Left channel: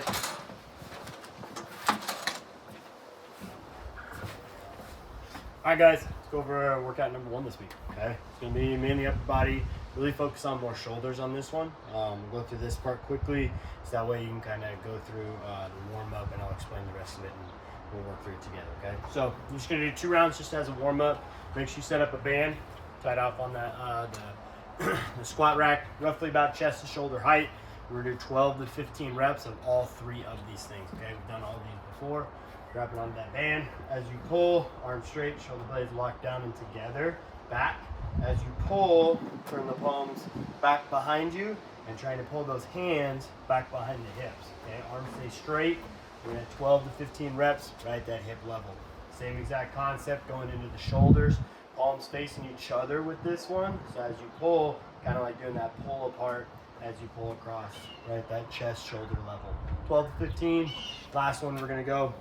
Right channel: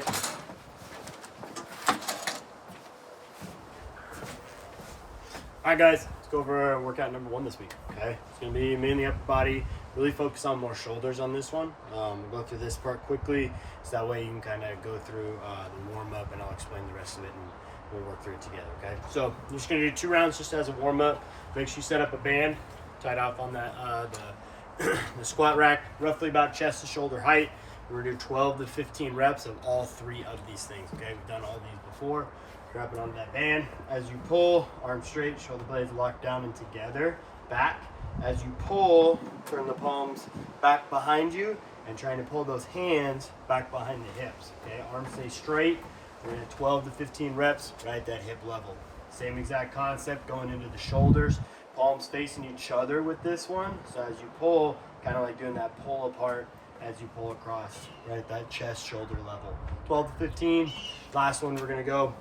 tight. All right, guys, let's go over workout number 1 this week, okay? It's gonna be mainly upper body, really focus on more shoulders on this one. We'll go through this part quickly, so that way you can kind of go through the warm up and I'll explain the rest of it and we'll work through it together, okay? So you're just gonna do 2 rounds just as a warm up. Make sure you set up a band, tied off on that the squat rack, roughly about chest to shoulder height. We're gonna do 12 to 15 reps of all 3 of these things, okay? We've done all these before. Wrap it onto that band. As you pull, arms straight, shoulder blades locked down and together, back. As you pull, turn the palms back behind you and trying to pull those hands back behind the hips, okay? Arms stay straight. We're gonna 12 to 15 reps right at that hip level. Same exact concept going into the shoulders, palms facing each other with this one. So as you pull, kind of like doing that pull apart as you pull across right at that chest shoulder level. 12 to 15. Last one we're gonna go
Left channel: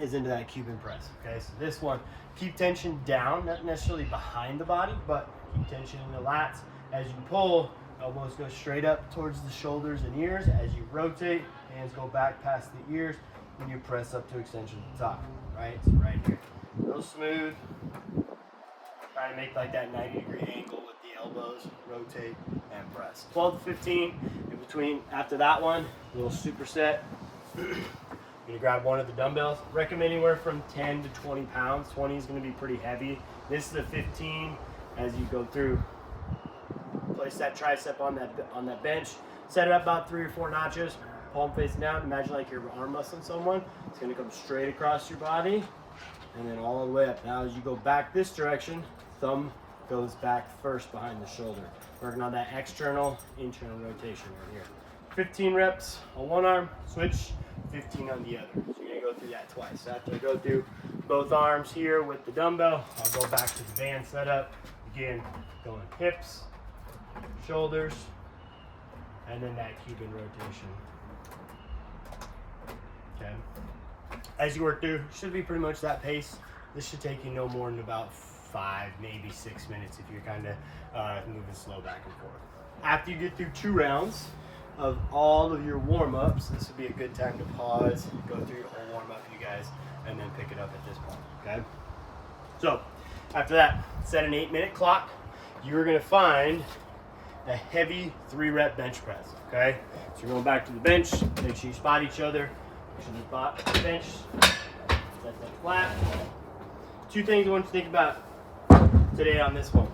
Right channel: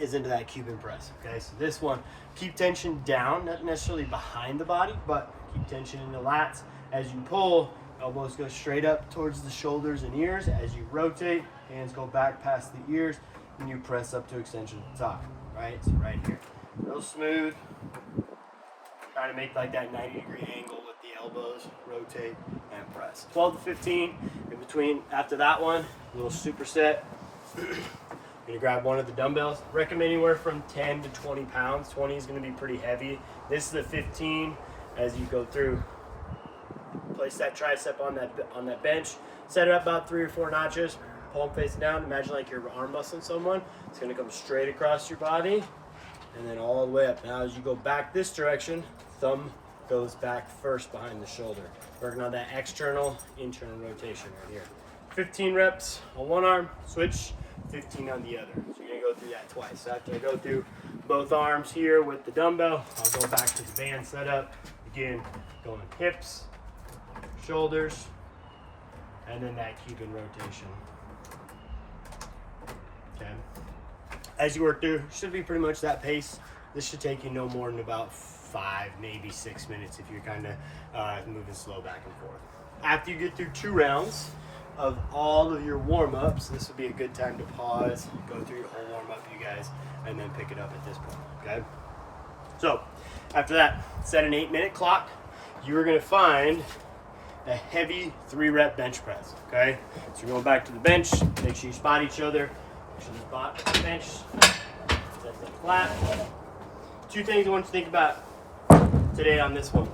is into that Cuban press, okay? So this one, keep tension down, not necessarily behind the body, but keep tension in the lats. As you pull, elbows go straight up towards the shoulders and ears. As you rotate, hands go back past the ears, and you press up to extension at the top, right? So right here, real smooth. Try to make like that 90-degree angle with the elbows, rotate and press. 12 to 15, in between, after that one, a little superset. You're gonna grab one of the dumbbells. Recommend anywhere from 10 to 20 pounds. 20 is gonna be pretty heavy. This is a 15. As you go through, place that tricep on that bench. Set it up about 3 or 4 notches. Palm facing down. Imagine like you're arm wrestling someone. It's gonna come straight across your body, and then all the way up. Now, as you go back this direction, thumb goes back first behind the shoulder. Working on that external, internal rotation right here. 15 reps on one arm. Switch. 15 on the other. So you're gonna go through that twice. So after I go through both arms here with the dumbbell, I'll go back to the band setup. Again, going hips, shoulders, and then that Cuban rotation. Okay. As you work through, should be pretty much that pace. This should take you no more than about 5, maybe 6 minutes if you're kind of moving slow back and forth. After you get through 2 rounds of all of your warm-ups, this would be a good time to pause, go through your whole warm-up, you guys, and then pick it up at this point, okay? So, after that, set an 8-minute clock. You are gonna find a heavy 3-rep bench press, okay? So you're going back to the bench, make sure you spot each other, make sure you spot the bench, set them flat. 2 things I want you to think about today on this one.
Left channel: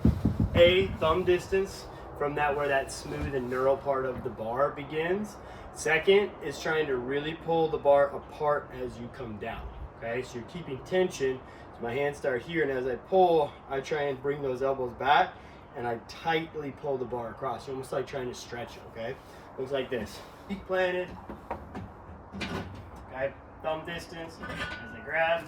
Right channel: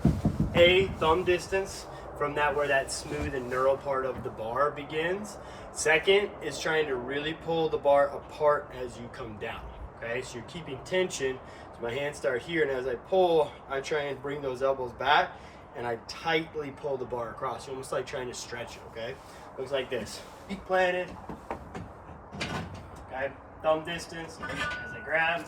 A, thumb distance from that where that smooth and neural part of the bar begins. Second is trying to really pull the bar apart as you come down, okay? So you're keeping tension. So my hands start here, and as I pull, I try and bring those elbows back, and I tightly pull the bar across, almost like trying to stretch it, okay? Looks like this. Feet planted, okay? Thumb distance as I grab,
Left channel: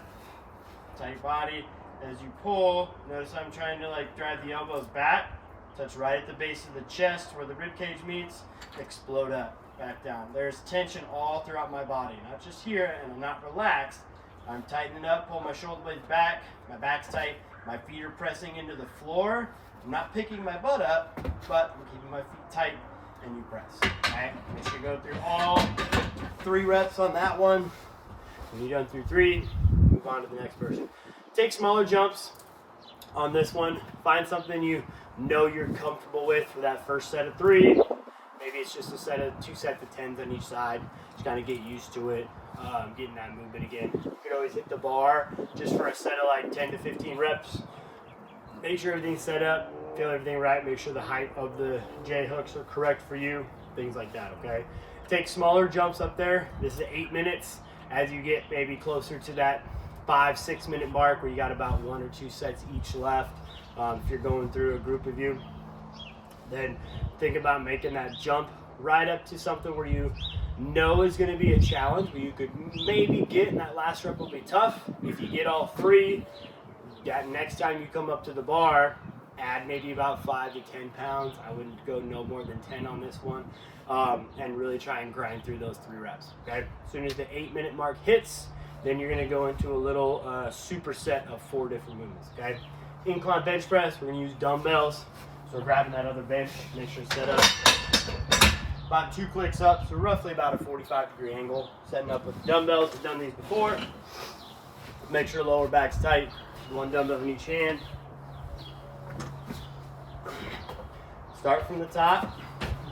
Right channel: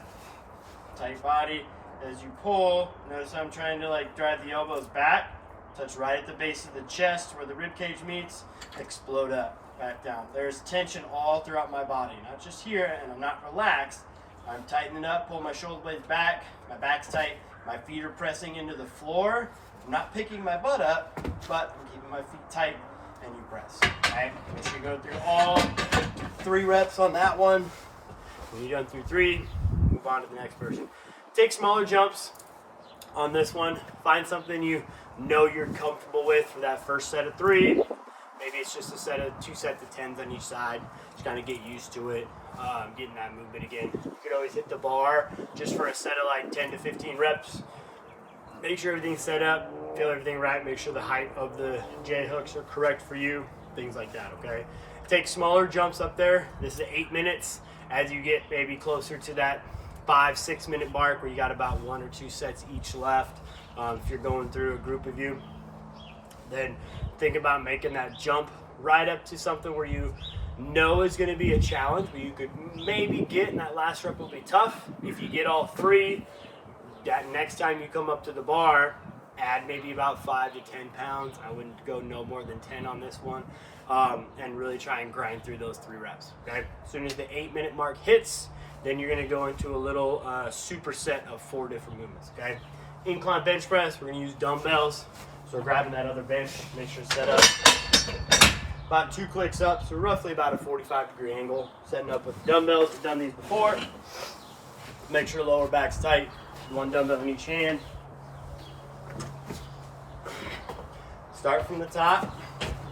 tight your body. As you pull, notice I'm trying to like drive the elbows back, touch right at the base of the chest where the rib cage meets, explode up, back down. There's tension all throughout my body, not just here, and I'm not relaxed. I'm tightening up, pull my shoulder blades back, my back's tight, my feet are pressing into the floor. I'm not picking my butt up, but I'm keeping my feet tight, and you press, okay? Make sure you go through all 3 reps on that one. When you're done through 3, move on to the next person. Take smaller jumps on this one. Find something you know you're comfortable with for that first set of 3. Maybe it's just a set of 2 sets of 10s on each side. Just kind of get used to it, getting that movement again. You could always hit the bar just for a set of like 10 to 15 reps. Make sure everything's set up, feel everything right, make sure the height of the J hooks are correct for you, things like that, okay? Take smaller jumps up there. This is 8 minutes. As you get maybe closer to that 5-6 minute mark where you got about 1 or 2 sets each left, if you're going through a group of you, then think about making that jump right up to something where you know is going to be a challenge, where you could maybe get, and that last rep will be tough. If you get all 3, that next time you come up to the bar, add maybe about 5 to 10 pounds. I wouldn't go no more than 10 on this one, and really try and grind through those 3 reps, okay? As soon as the 8-minute mark hits, then you're gonna go into a little superset of 4 different movements, okay? Incline bench press, we're gonna use dumbbells. So we're grabbing that other bench, make sure it's set up. about 2 clicks up, so roughly about a 45-degree angle. Setting up with the dumbbells. I've done these before. Make sure lower back's tight. 1 dumbbell in each hand. Start from the top.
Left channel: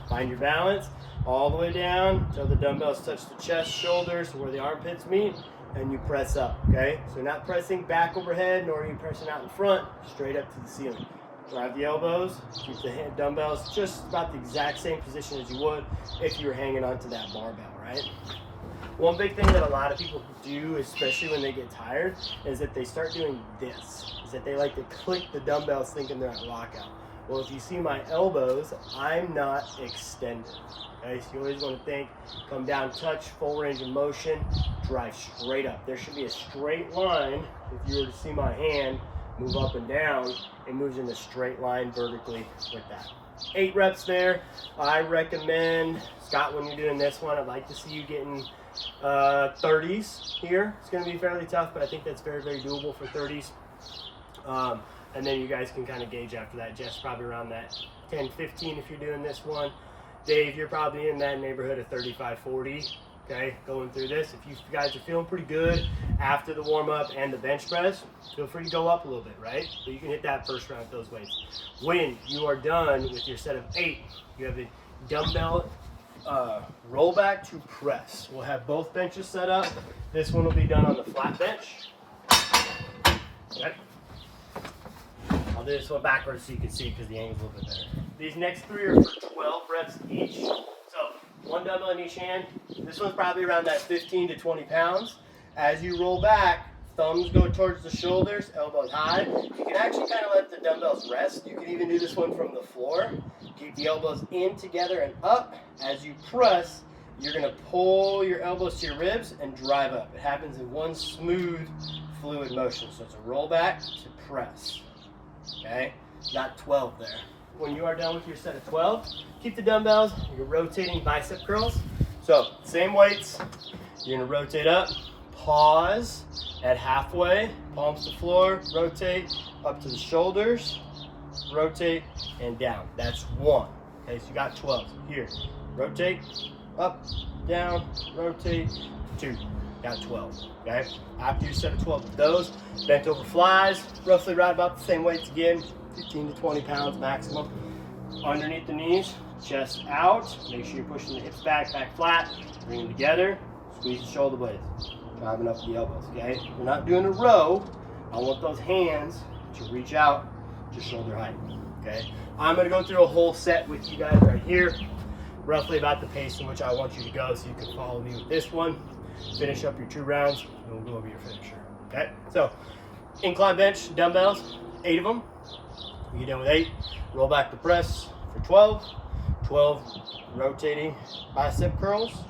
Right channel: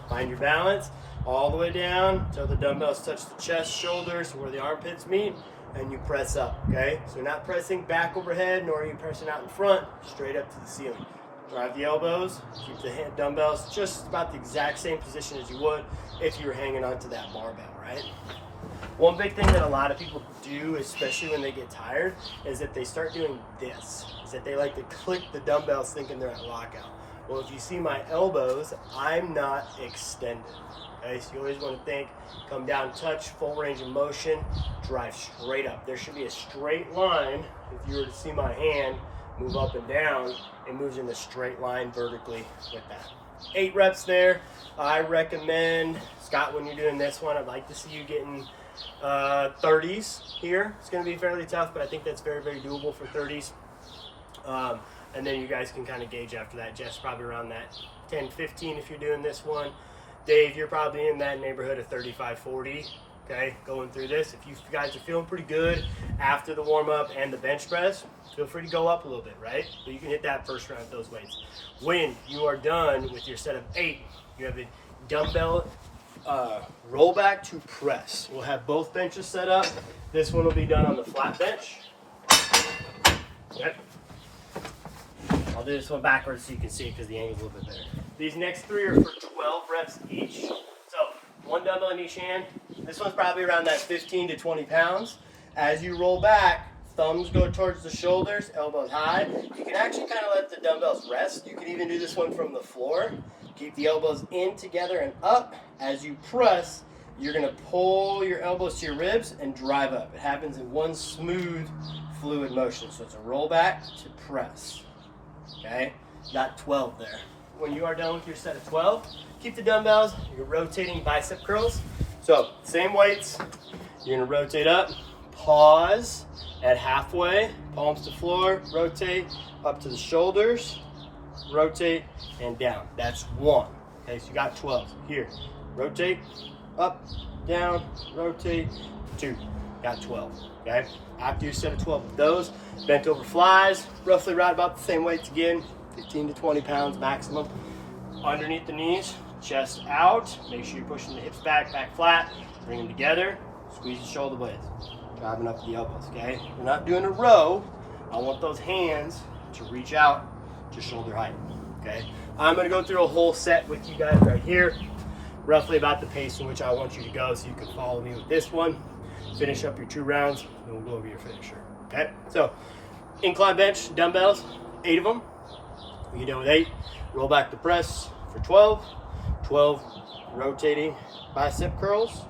Find your balance all the way down until the dumbbells touch the chest, shoulders, where the armpits meet, and you press up, okay? So you're not pressing back overhead, nor are you pressing out in front, straight up to the ceiling. Drive the elbows, keep the dumbbells just about the exact same position as you would if you were hanging onto that barbell, right? One big thing that a lot of people do, especially when they get tired, is that they start doing this, is that they like to click the dumbbells thinking they're at lockout. Well, if you see my elbows, I'm not extended. Okay, so you always want to think, come down, touch, full range of motion, drive straight up. There should be a straight line. If you were to see my hand move up and down, it moves in a straight line vertically with that. 8 reps there. I recommend, Scott, when you're doing this one, I'd like to see you getting 30s here. It's going to be fairly tough, but I think that's very, very doable for 30s. And then you guys can kind of gauge after that. Jeff's probably around that 10, 15 if you're doing this one. Dave, you're probably in that neighborhood of 35, 40, okay, going through this. If you guys are feeling pretty good after the warm-up and the bench press, feel free to go up a little bit, right? So you can hit that first round with those weights. When you are done with your set of 8, you have a dumbbell roll back to press. We'll have both benches set up. This one will be done on the flat bench. Okay. I'll do this one backwards so you can see it because the angle's a little bit better. These next 3 are for 12 reps each. So 1 dumbbell in each hand. This one's probably around that 15 to 20 pounds. As you roll back, thumbs go towards the shoulders, elbows high. You can actually kind of let the dumbbells rest. You can even do this one from the floor. Keep the elbows in together and up. As you press, you're going to pull your elbows to your ribs and drive up. It happens in one smooth, fluid motion. So it's a roll back to press. Okay, got 12 there. When you are done with your set of 12, keep the dumbbells. You're rotating bicep curls. So same weights. You're gonna rotate up, pause at halfway, palms to floor, rotate up to the shoulders, rotate and down. That's 1. Okay, so you got 12. Here, rotate, up, down, rotate, 2. Got 12. Okay, after your set of 12 of those, bent over flies, roughly right about the same weights again, 15 to 20 pounds maximum. Underneath the knees, chest out, make sure you're pushing the hips back, back flat, bring them together, squeeze the shoulder blades, driving up the elbows, okay? We're not doing a row. I want those hands to reach out to shoulder height, okay? I'm gonna go through a whole set with you guys right here, roughly about the pace in which I want you to go so you can follow me with this one. Finish up your 2 rounds, and we'll go over your finisher, okay? So, incline bench, dumbbells, 8 of them. When you're done with 8, roll back the press for 12. 12 rotating bicep curls,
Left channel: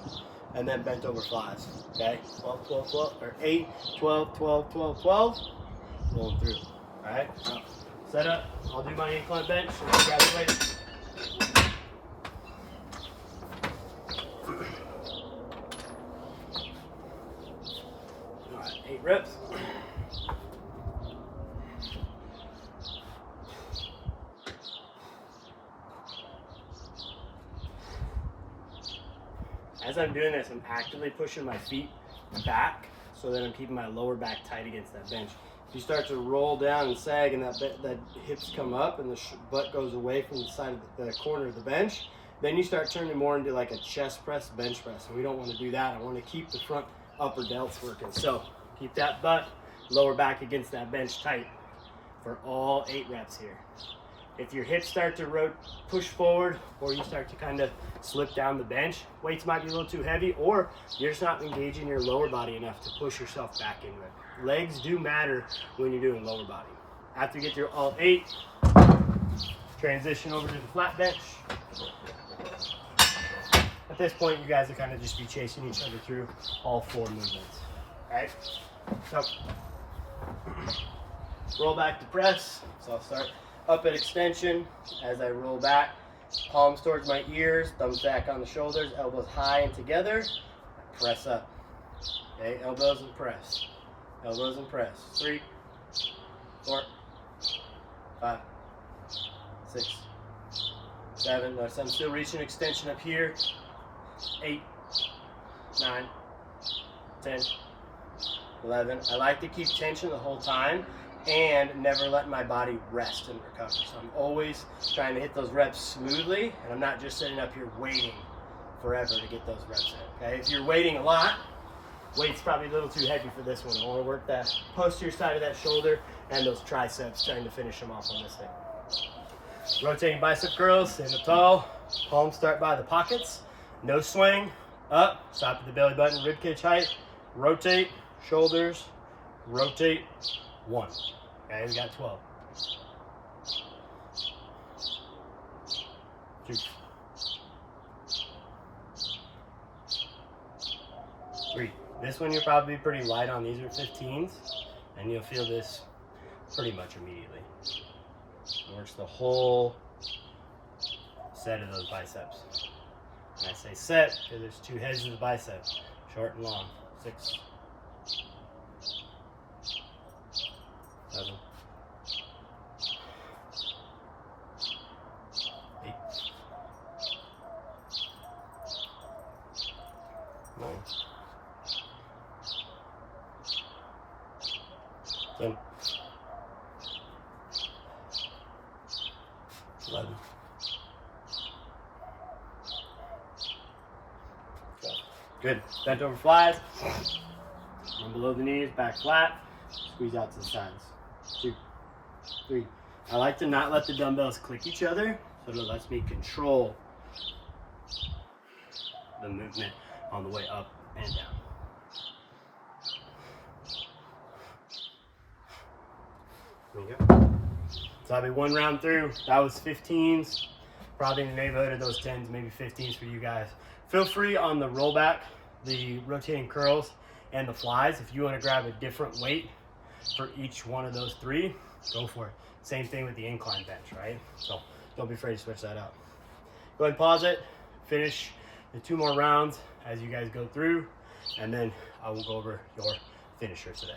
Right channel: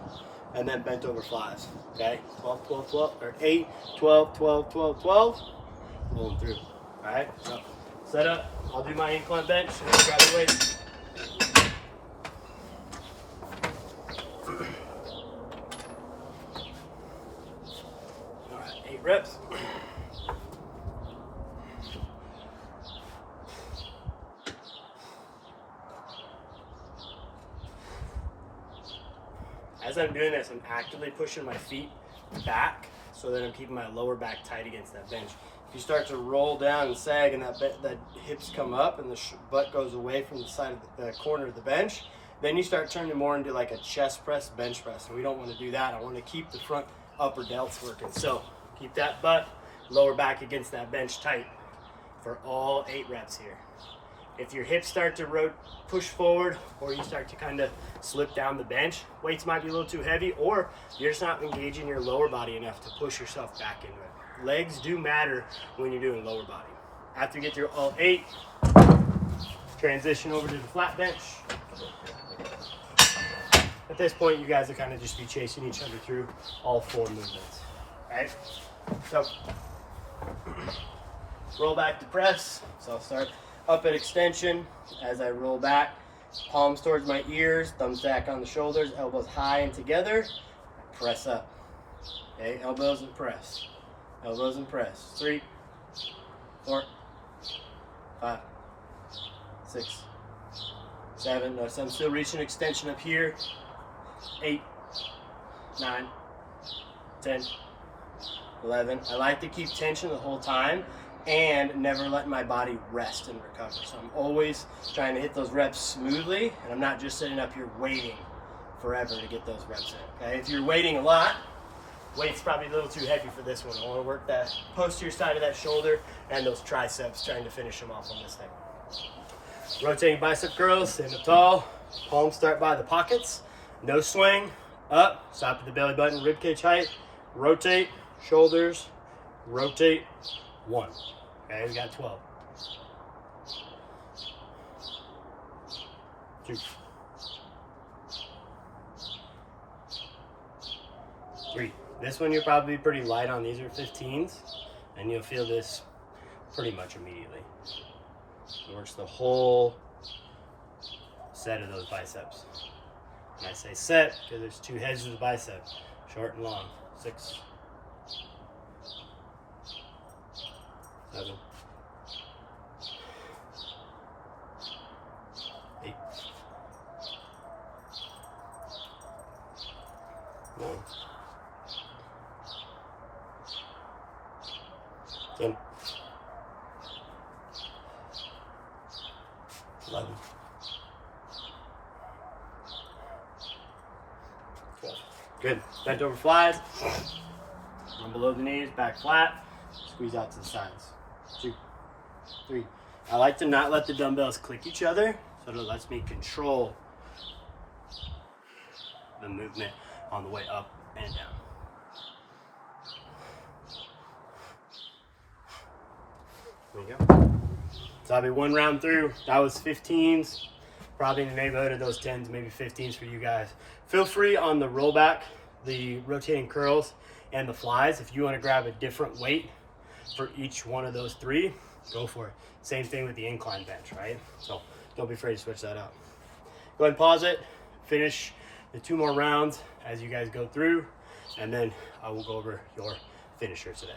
and then bent over flies, okay? 12, 12, 12, or 8, 12, 12, 12, 12. Rolling through, all right? So, set up. I'll do my incline bench, and then grab the weight. All right, 8 reps. As I'm doing this, I'm actively pushing my feet back so that I'm keeping my lower back tight against that bench. If you start to roll down and sag and that hips come up and the butt goes away from the side of the corner of the bench, then you start turning more into like a chest press, bench press. And we don't want to do that. I want to keep the front upper delts working. So keep that butt, lower back against that bench tight for all 8 reps here. If your hips start to push forward, or you start to kind of slip down the bench, weights might be a little too heavy, or you're just not engaging your lower body enough to push yourself back into it. Legs do matter when you're doing lower body. After you get through all 8, transition over to the flat bench. At this point, you guys will kind of just be chasing each other through all 4 movements. Right? So, roll back to press. So I'll start up at extension as I roll back, palms towards my ears, thumbs back on the shoulders, elbows high and together, press up. Okay, elbows and press. Elbows and press. 3, 4, 5, 6, 7. Notice I'm still reaching extension up here. 8, 9, 10, 11. I like to keep tension the whole time and never let my body rest and recover. So I'm always trying to hit those reps smoothly, and I'm not just sitting up here waiting forever to get those reps in. Okay? If you're waiting a lot, weight's probably a little too heavy for this one. I want to work that posterior side of that shoulder and those triceps, trying to finish them off on this thing. Rotating bicep curls, stand up tall, palms start by the pockets, no swing, up, stop at the belly button, rib cage height, rotate, shoulders, rotate, 1. Okay, we got 12. 2. 3. This one you'll probably be pretty light on. These are 15s, and you'll feel this pretty much immediately. It works the whole set of those biceps. And I say set because there's 2 heads of the bicep, short and long. 6, 7, 8, 9, 10, 11, 12. Good. Bent over flies. From below the knees, back flat. Squeeze out to the sides. 2, 3. I like to not let the dumbbells click each other, so it lets me control the movement on the way up and down. There you go. So I'll be 1 round through. That was 15s, probably in the neighborhood of those 10s, maybe 15s for you guys. Feel free on the rollback, the rotating curls, and the flies. If you want to grab a different weight for each one of those 3, go for it. Same thing with the incline bench, right? So don't be afraid to switch that out. Go ahead and pause it. Finish the 2 more rounds as you guys go through, and then I will go over your finisher today.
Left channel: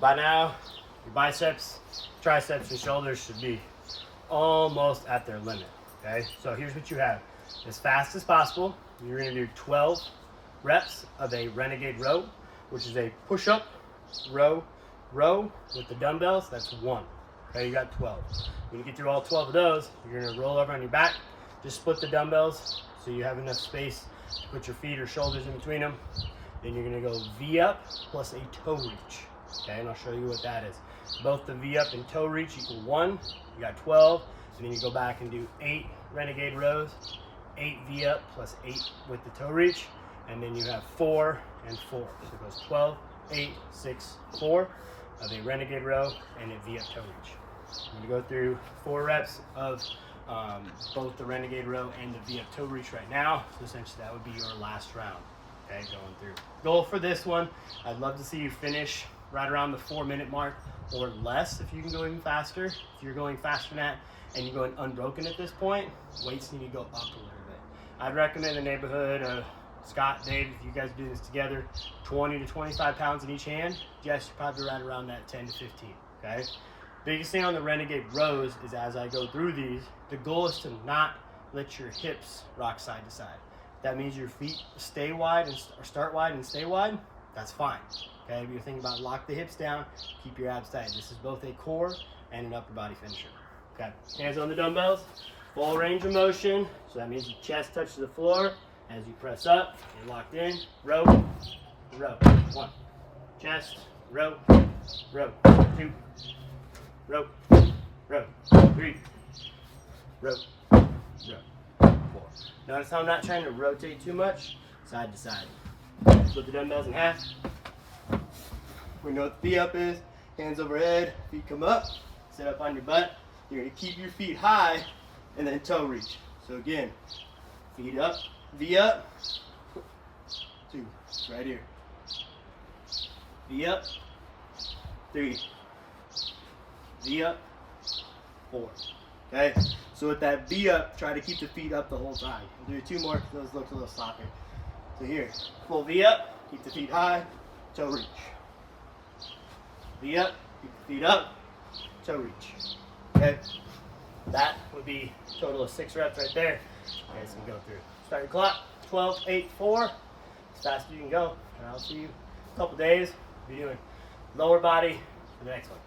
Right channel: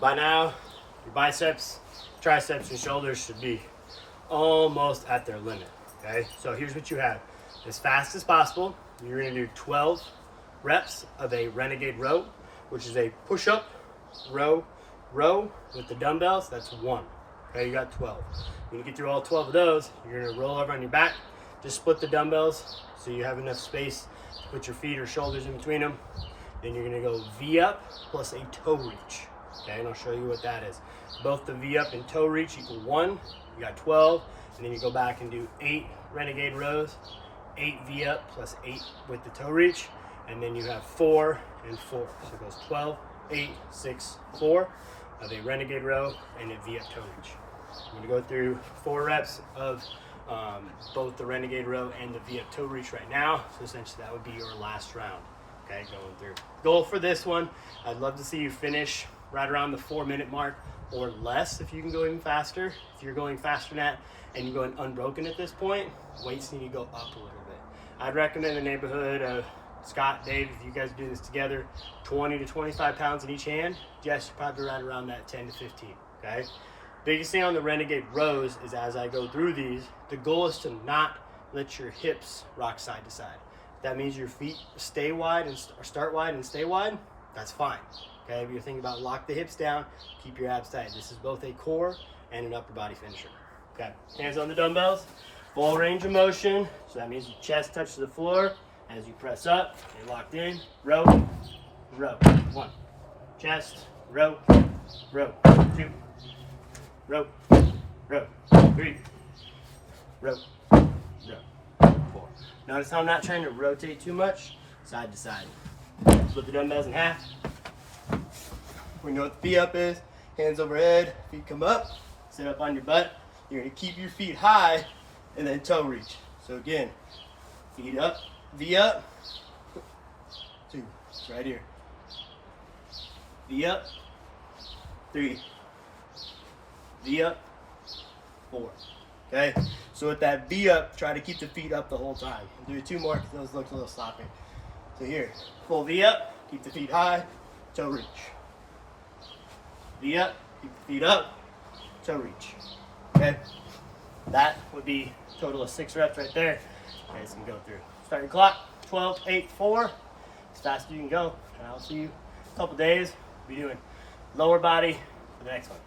By now, your biceps, triceps, and shoulders should be almost at their limit, okay? So here's what you have. As fast as possible, you're gonna do 12 reps of a renegade row, which is a push-up, row, row with the dumbbells. That's 1, okay? You got 12. When you get through all 12 of those, you're gonna roll over on your back, just split the dumbbells so you have enough space to put your feet or shoulders in between them. Then you're gonna go V up plus a toe reach. Okay, and I'll show you what that is. Both the V up and toe reach equal 1. You got 12, and then you go back and do 8 renegade rows, 8 V up plus 8 with the toe reach, and then you have 4 and 4. So it goes 12, 8, 6, 4 of a renegade row and a V up toe reach. I'm going to go through 4 reps of both the renegade row and the V up toe reach right now. So essentially that would be your last round. Okay, going through. Goal for this one, I'd love to see you finish right around the 4-minute mark or less if you can go even faster. If you're going faster than that and you're going unbroken at this point, weights need to go up a little bit. I'd recommend the neighborhood of Scott, Dave, if you guys do this together, 20 to 25 pounds in each hand. Jess, you're probably right around that 10 to 15, okay? Biggest thing on the renegade rows is as I go through these, the goal is to not let your hips rock side to side. That means your feet stay wide and start wide and stay wide, that's fine. Okay, if you're thinking about lock the hips down, keep your abs tight. This is both a core and an upper body finisher. Okay, hands on the dumbbells, full range of motion. So that means your chest touches the floor as you press up and locked in. Row, row. 1, chest, row, row. 2, row, row. 3, row, row. 4. Notice how I'm not trying to rotate too much, side to side. Split the dumbbells in half. We know what the V up is. Hands overhead, feet come up, sit up on your butt. You're gonna keep your feet high and then toe reach. So again, feet up, V up, 2, right here. V up, 3, V up, 4, Okay, so with that V up, try to keep the feet up the whole time. We'll do 2 more because those look a little sloppy. So here, full V up, keep the feet high, toe reach. V up, keep the feet up, toe reach. Okay, that would be a total of 6 reps right there. Okay, so we go through. Start your clock, 12, 8, 4. As fast as you can go. And I'll see you in a couple days. We'll be doing lower body for the next one.